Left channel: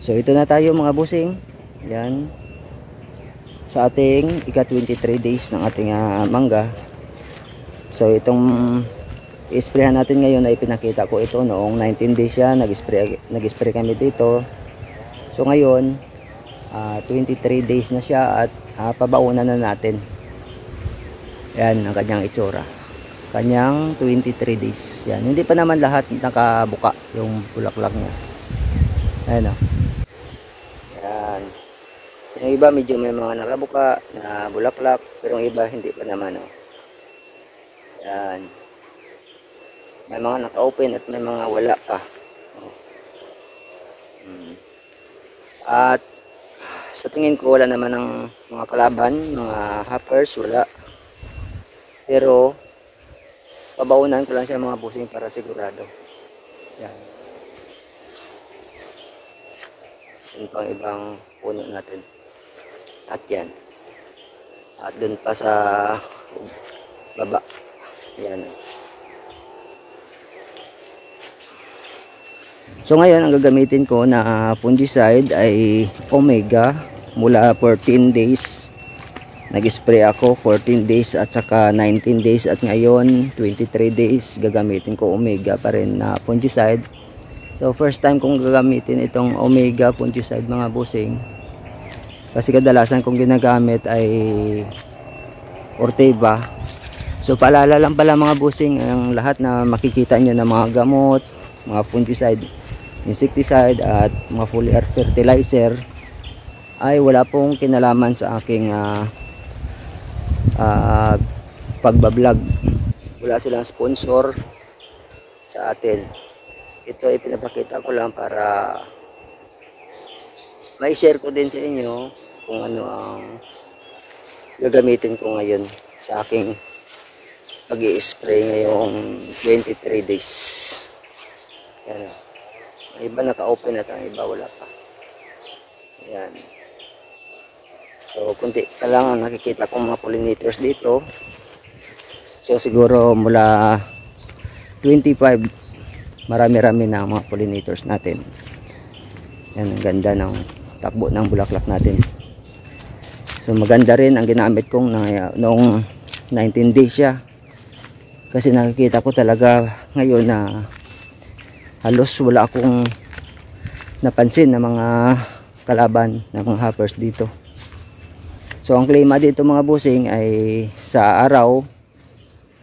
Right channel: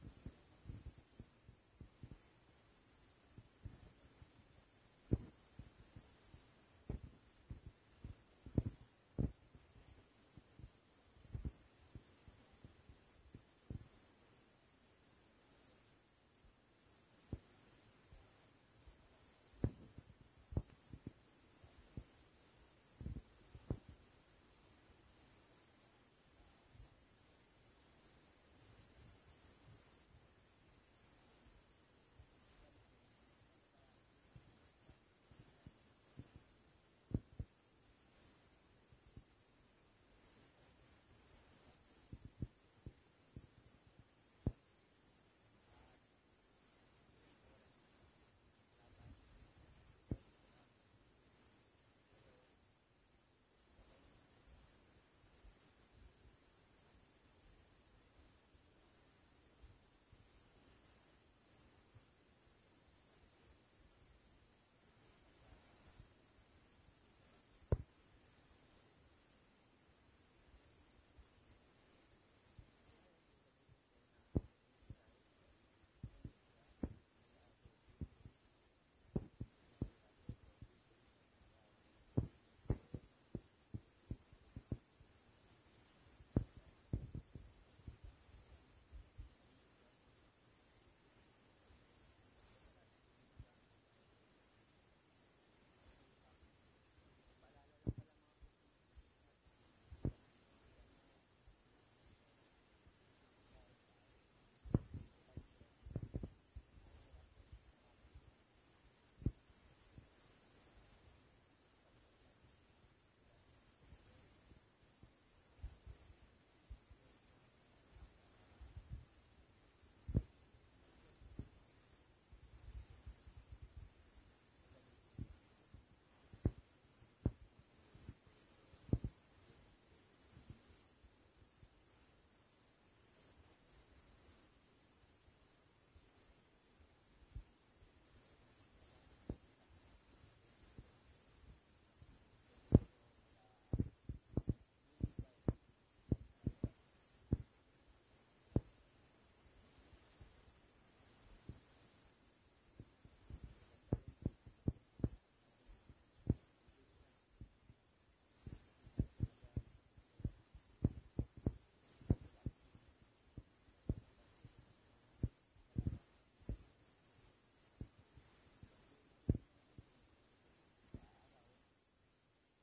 So ito na tayo mga busing. Yan. Sa ating ika-23 days ng ating mangga. So itong i-sprayhan natin ngayon ay pinakita ko ito noong 19 days siya. Nag-spray kami dito. So ngayon 23 days na siya at pabaunan na natin. Yan ang kanyang itsura. Kanyang 23 days. Yan. Hindi pa naman lahat nakabuka yung bulaklak niya. Ayan o. Yan. Yung iba medyo may mga nakabuka na bulaklak. Pero yung iba hindi pa naman o. Yan. May mga naka-open at may mga wala pa. At sa tingin ko wala naman ng mga kalaban, mga hoppers, wala. Pero pabaunan ko lang siya mga busing para sigurado. Yan. Yan pang ibang puno natin. At yan. At dun pa sa baba. Yan. So ngayon ang gagamitin ko na fungicide ay Omega mula 14 days. Nag-spray ako 14 days at saka 19 days at ngayon 23 days gagamitin ko Omega pa rin na fungicide. So first time kong gagamitin itong Omega fungicide mga busing. Kasi kadalasan kong ginagamit ay Orteva. So paalala lang pala mga busing, ang lahat na makikita nyo na mga gamot, mga fungicide, insecticide at mga foliar fertilizer ay wala pong kinalaman sa aking pagbablog. Wala silang sponsor sa atin. Ito ay pinapakita ko lang para may share ko din sa inyo kung ano ang gagamitin ko ngayon sa aking pag-i-spray ngayong 23 days. Yan. Ang iba naka-open at ang iba wala pa. Yan. So, kunti ka lang ang nakikita kong mga pollinators dito. So, siguro mula 25, marami-rami na ang mga pollinators natin. Yan, ang ganda ng takbo ng bulaklak natin. So, maganda rin ang ginamit kong noong 19 days siya. Kasi nakikita ko talaga ngayon na halos wala akong napansin na mga kalaban, na mga hoppers dito. So ang klima dito mga busing ay sa araw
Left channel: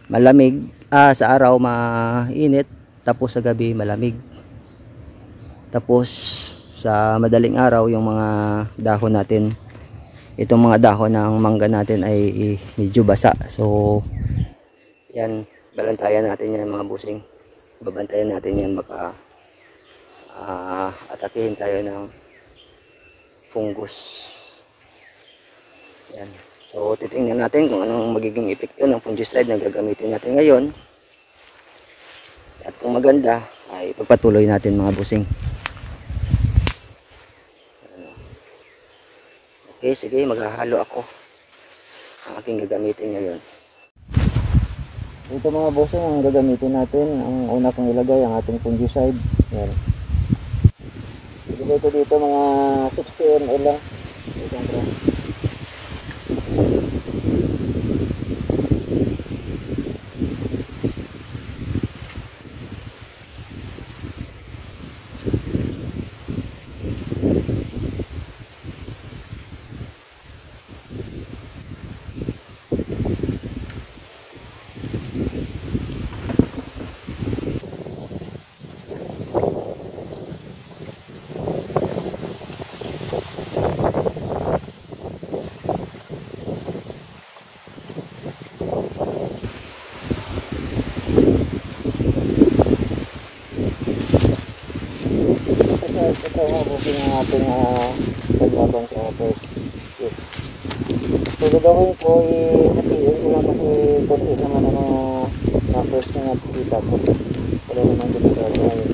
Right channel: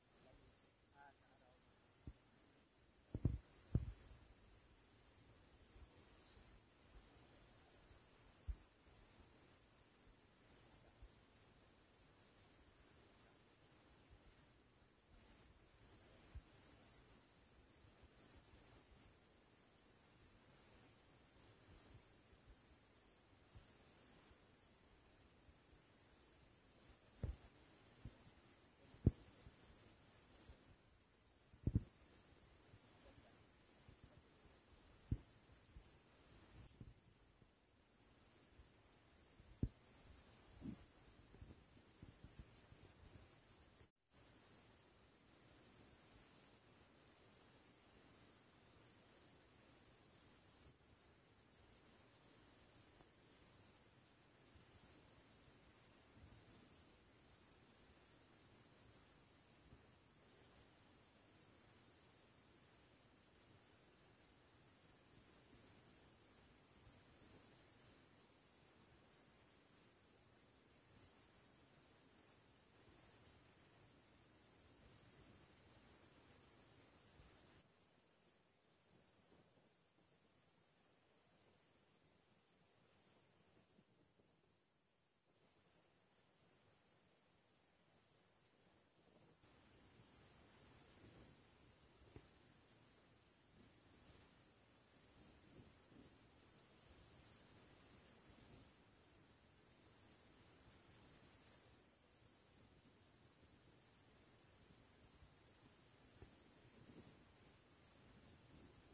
malamig, sa araw mainit, tapos sa gabi malamig. Tapos sa madaling araw yung mga dahon natin, itong mga dahon ng mangga natin ay medyo basa. So yan, balantayan natin yan mga busing. Babantayan natin yan, baka atakihin tayo ng fungus. Yan. So titingnan natin kung anong magiging epekto ng fungicide na gagamitin natin ngayon. At kung maganda ay pagpatuloy natin mga busing. Okay, sige, maghahalo ako ang aking gagamitin ngayon. Ito mga busing ang gagamitin natin. Ang una kong ilagay ang ating fungicide. Yan. Ilagay ko dito mga 60 ml lang. Ito nga booking ang ating pagbabang sa first week. So gagawin ko, hatiin ko lang kasi konti naman ang mga first na nakikita ko. Wala naman dito sa gawin.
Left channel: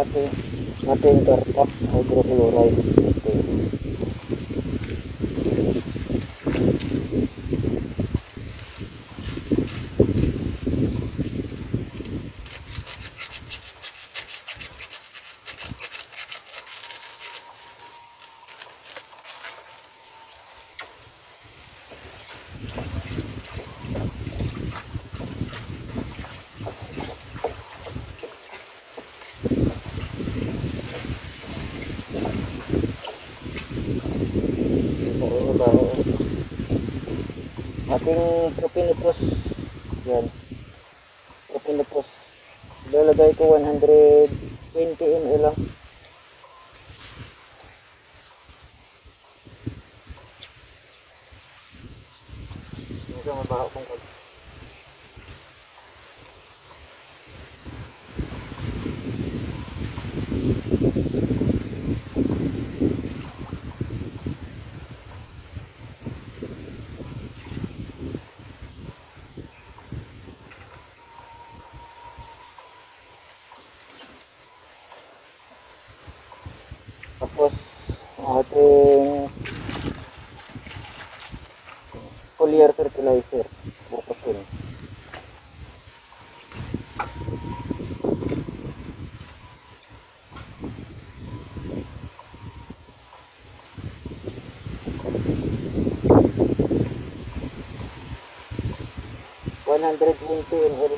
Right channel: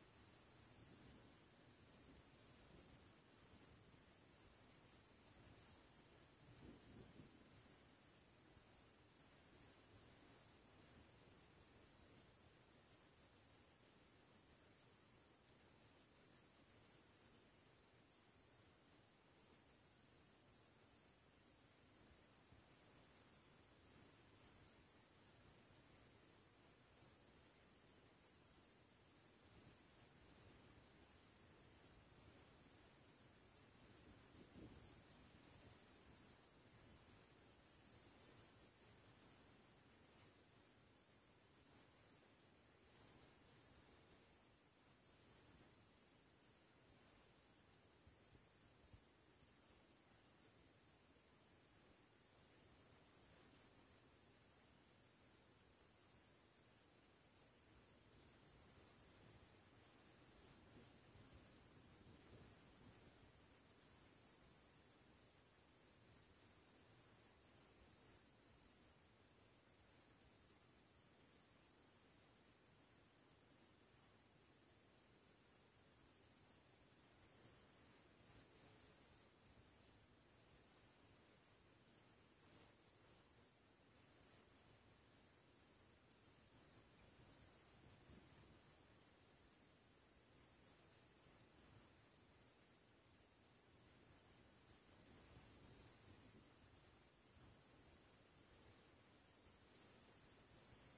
ating kartap hydrochloride. Okay. Ating propinipos, yan, propinipos, ilalagay ko 120 ml lang. Isang mabaho kong kag. Tapos ating foliar fertilizer, bukasin. ml.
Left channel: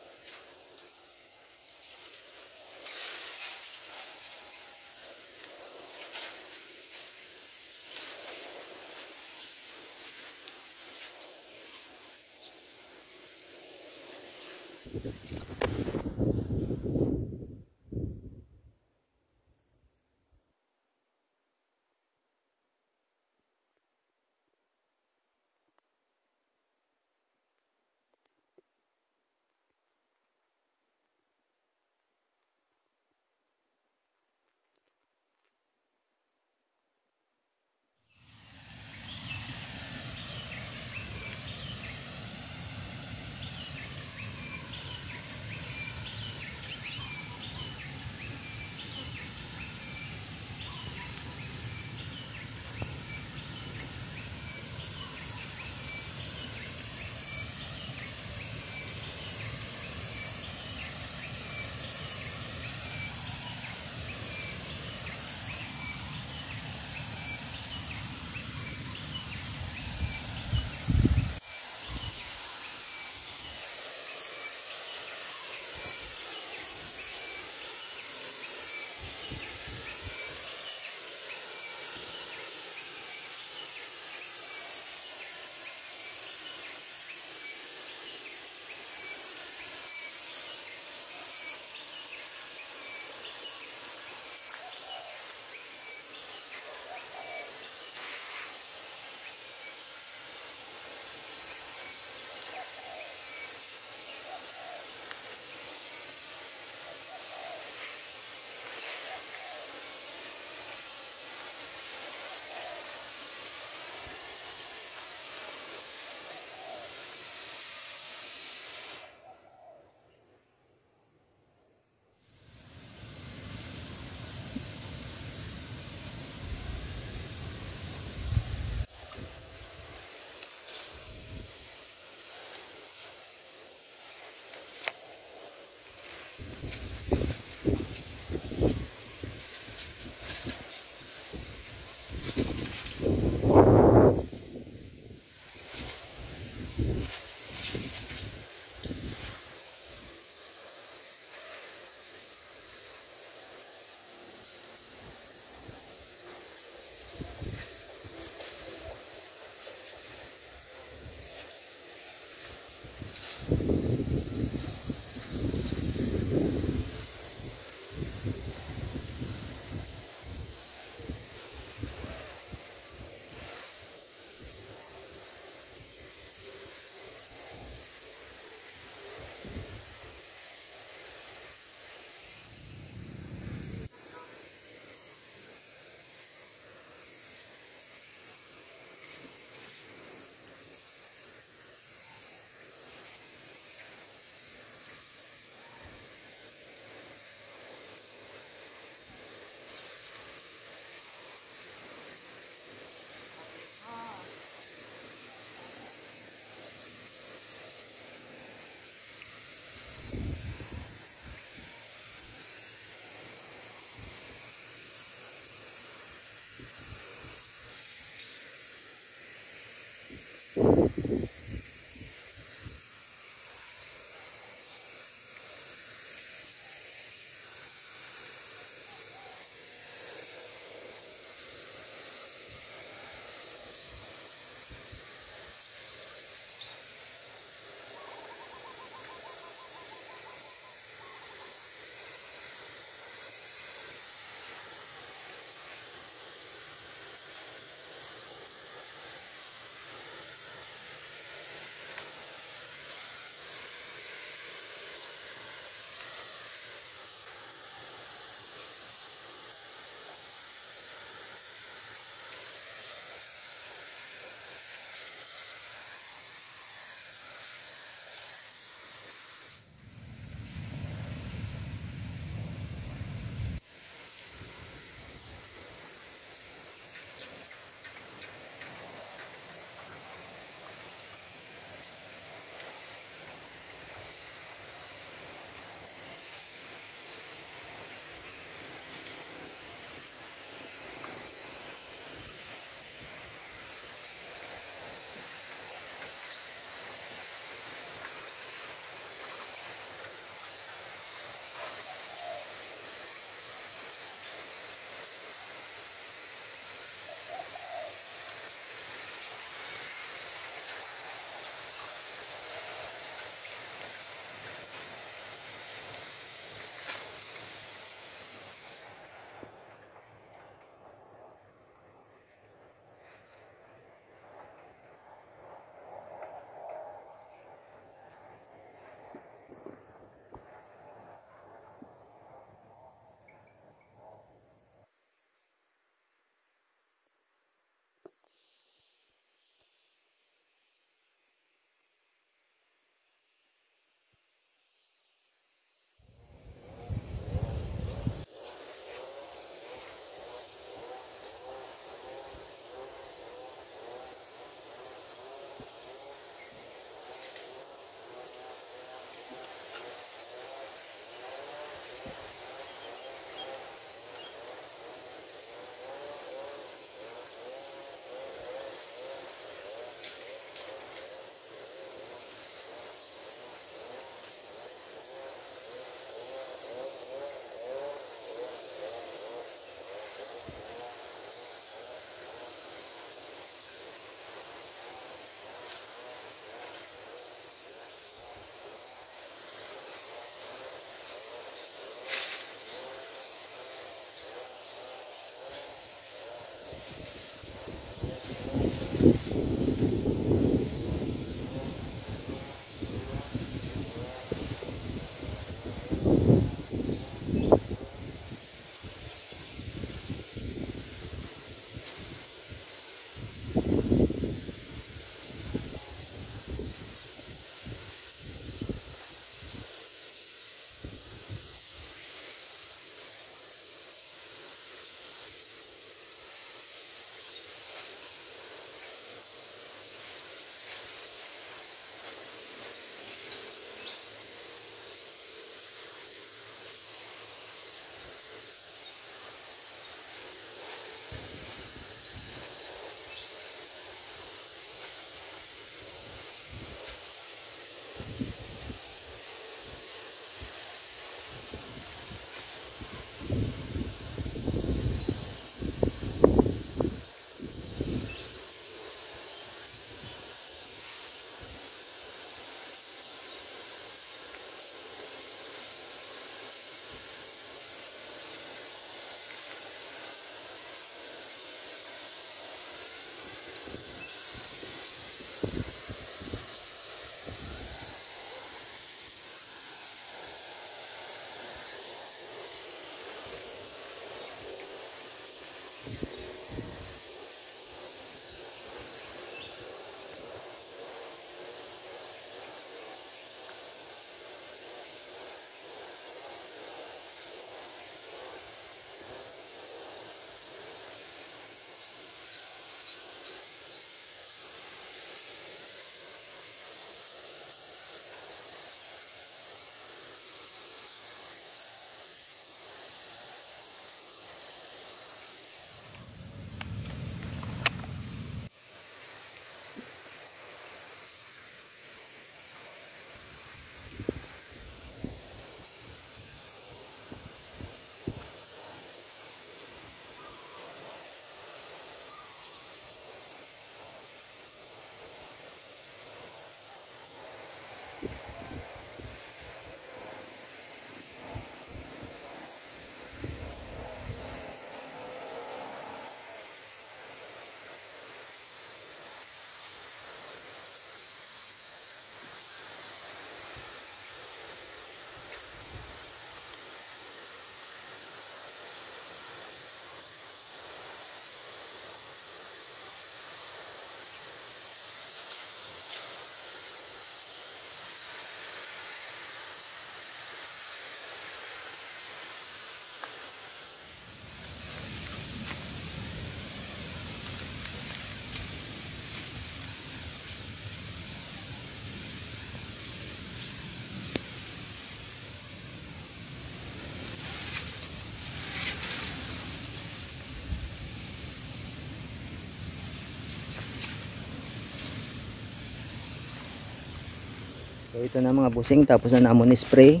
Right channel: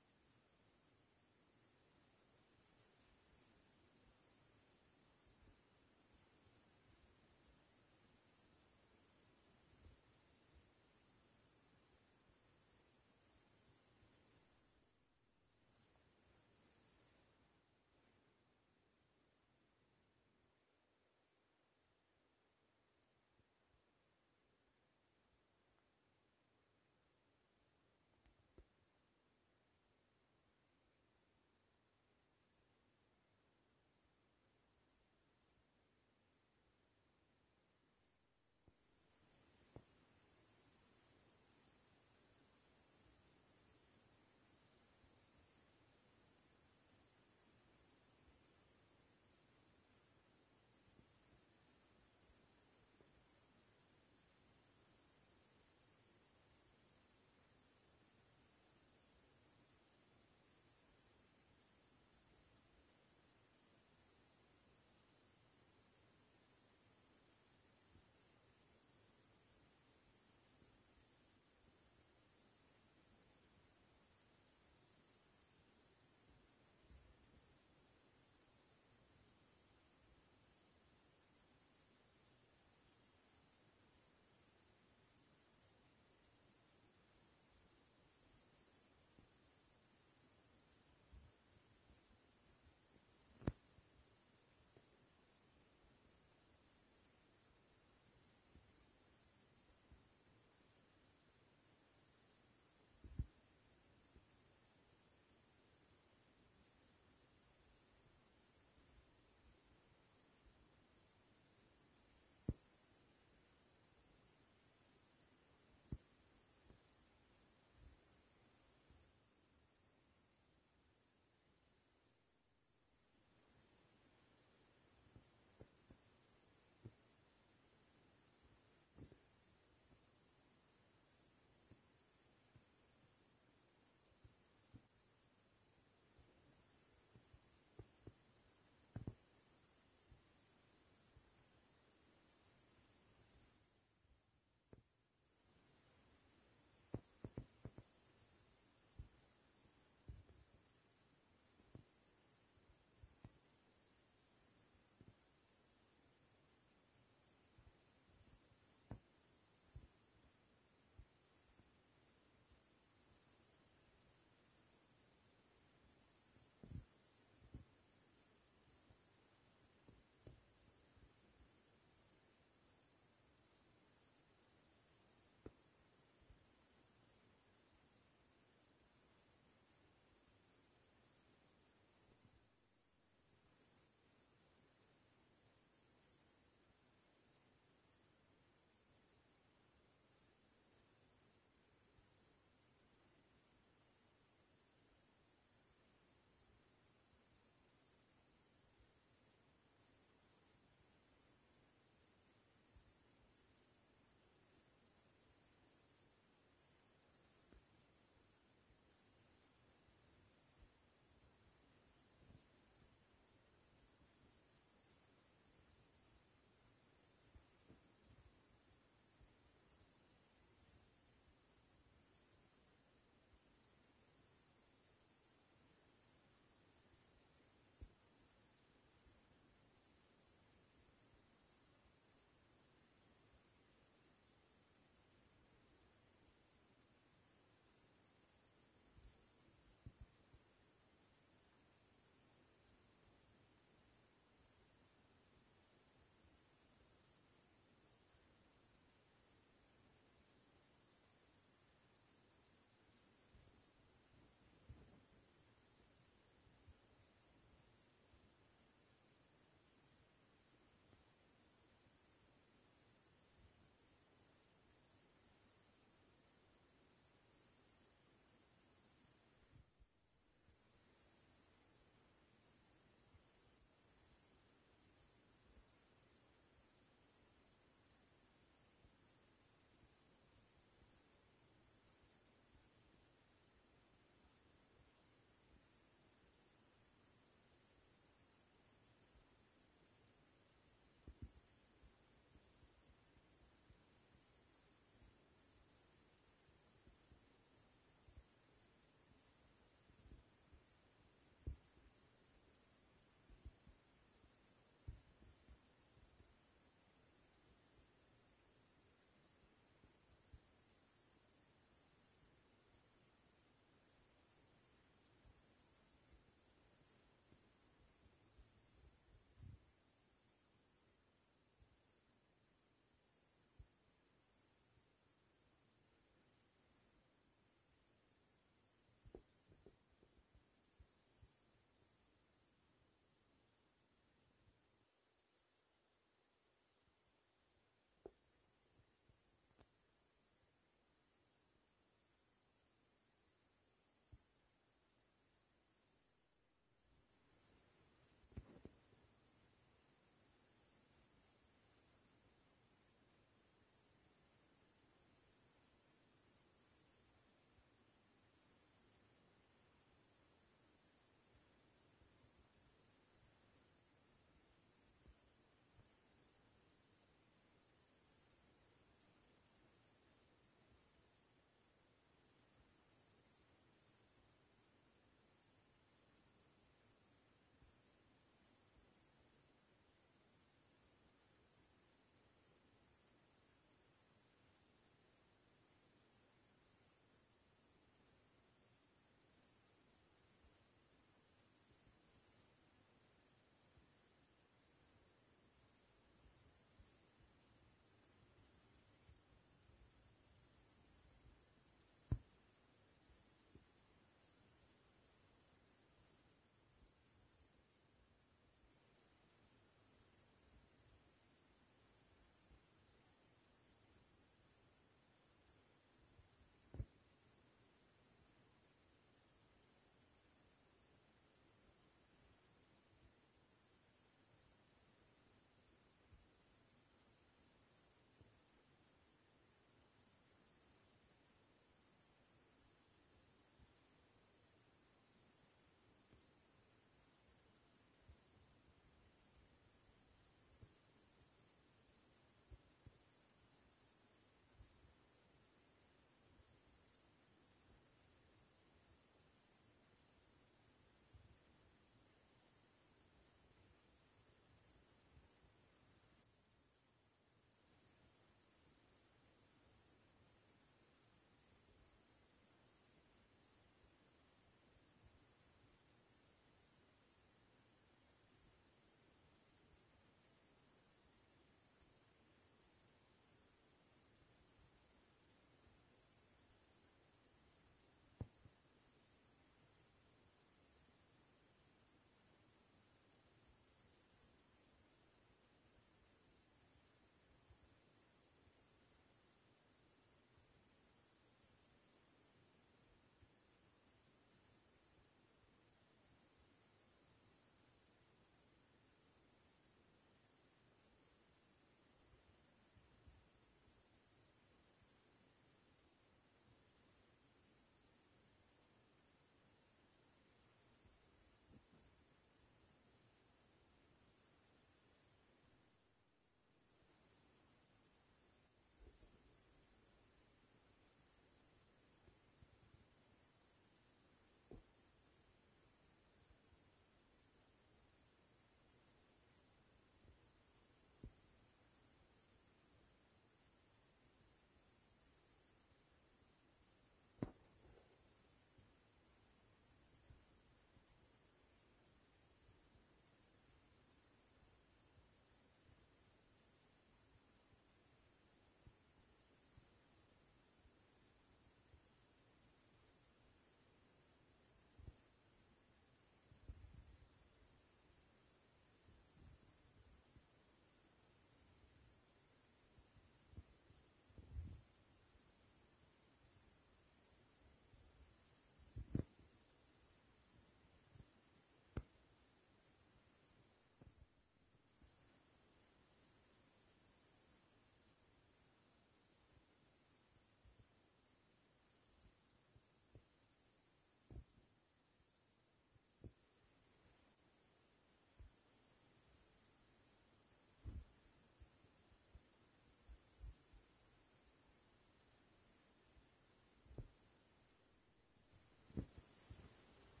So ito na mga busing, tapos na namon spray.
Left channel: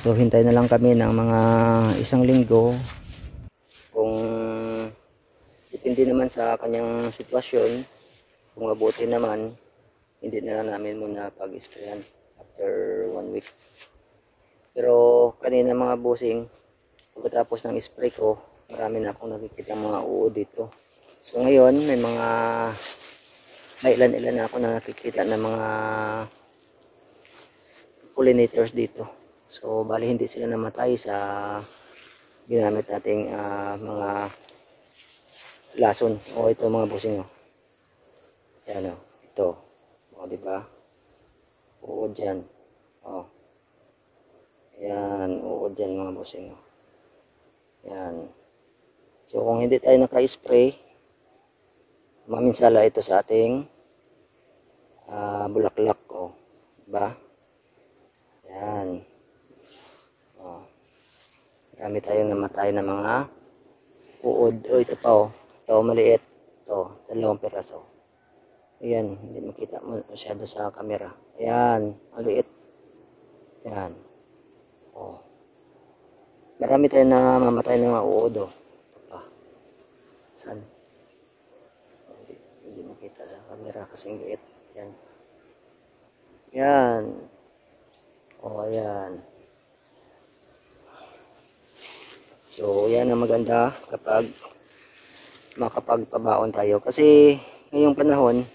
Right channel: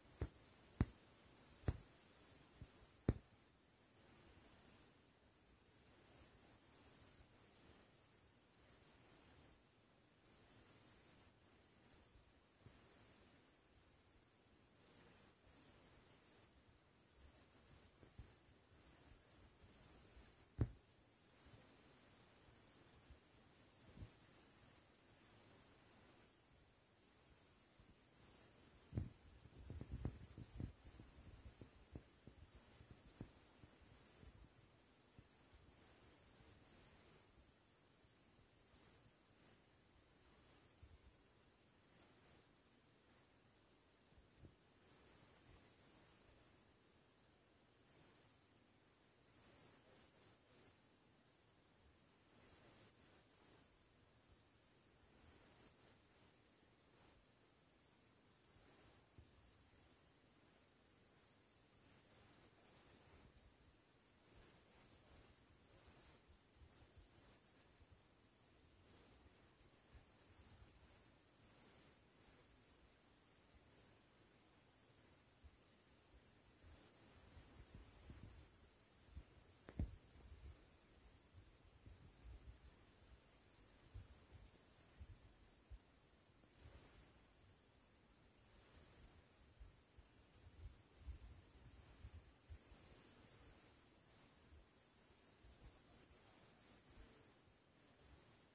So hintay na lang kami ng mga 1 linggo. Kung depende naman sa kanyang sitwasyon, kung mabuti naman, hindi na lang namin muna pag-sprayan after 1 week. Pero kanina mga busing, pagkatapos ng spray ko, marami na akong nakikita mga uod dito. So ngayon may mga ilan-ilan na ako na nakikita ng mga pollinators dito. So bali hindi sila namatay sa ginamit nating mga lason. O ito mga busing, oh. Yan, oh. Ito. O diba? Uod dyan. O. Yan. Uod dyan mga busing, oh. Yan. So kung hindi tayo naka-spray, maminsala ito sa ating bulaklak, oh. Diba? Yan. Oh. Marami tayong namatay na mga uod. Oh, ito pa, oh. Ito maliit. Ito, 2 piraso. Ayan, hindi makita mo masyado sa camera. Ayan, maliit. Ayan. Oh. Marami tayong namamatay ng mga uod, oh. Ito pa. Saan? Hindi makita sa camera kasi liit. Yan. Yan. O, ayan. So, yan ang maganda kapag makapagpabaon tayo. Kasi, ngayong panahon,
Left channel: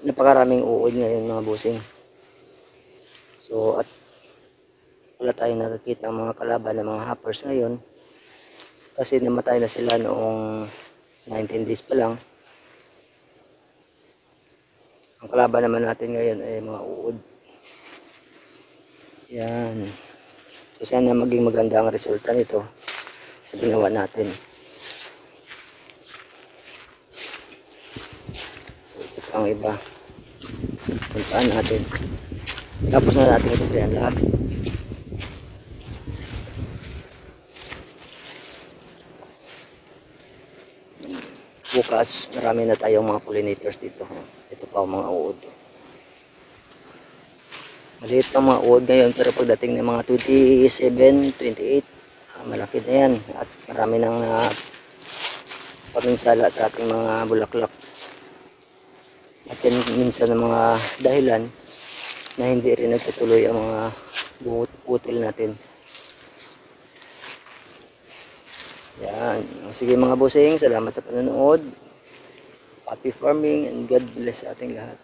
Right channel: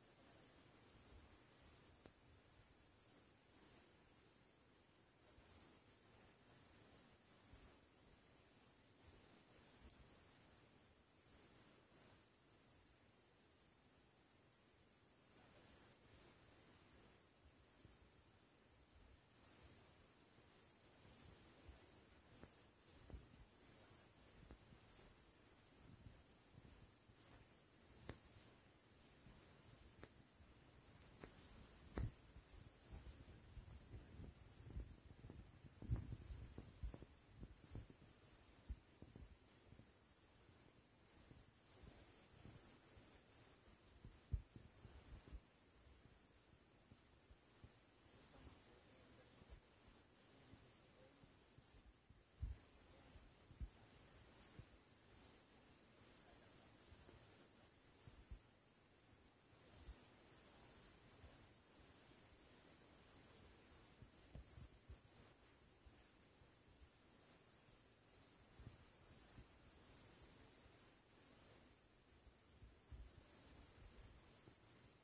napakaraming uod ngayon mga busing. So, at wala tayong nakikita ng mga kalaban ng mga hoppers ngayon. Kasi namatay na sila noong 19 days pa lang. Ang kalaban naman natin ngayon ay mga uod. Yan. So sana maging maganda ang resulta nito sa ginawa natin. So ito pang iba. Puntaan natin. Tapos na natin ito yan lahat. Bukas marami na tayong mga pollinators dito. Ito pa ang mga uod. Maliit ang mga uod ngayon, pero pagdating ng mga 27, 28, malaki na yan. At marami nang paminsala sa ating mga bulaklak. At yan minsan ng mga dahilan na hindi rin nagtutuloy ang mga butil natin. Yan. Sige mga busing, salamat sa panonood. Happy farming and God bless sa ating lahat.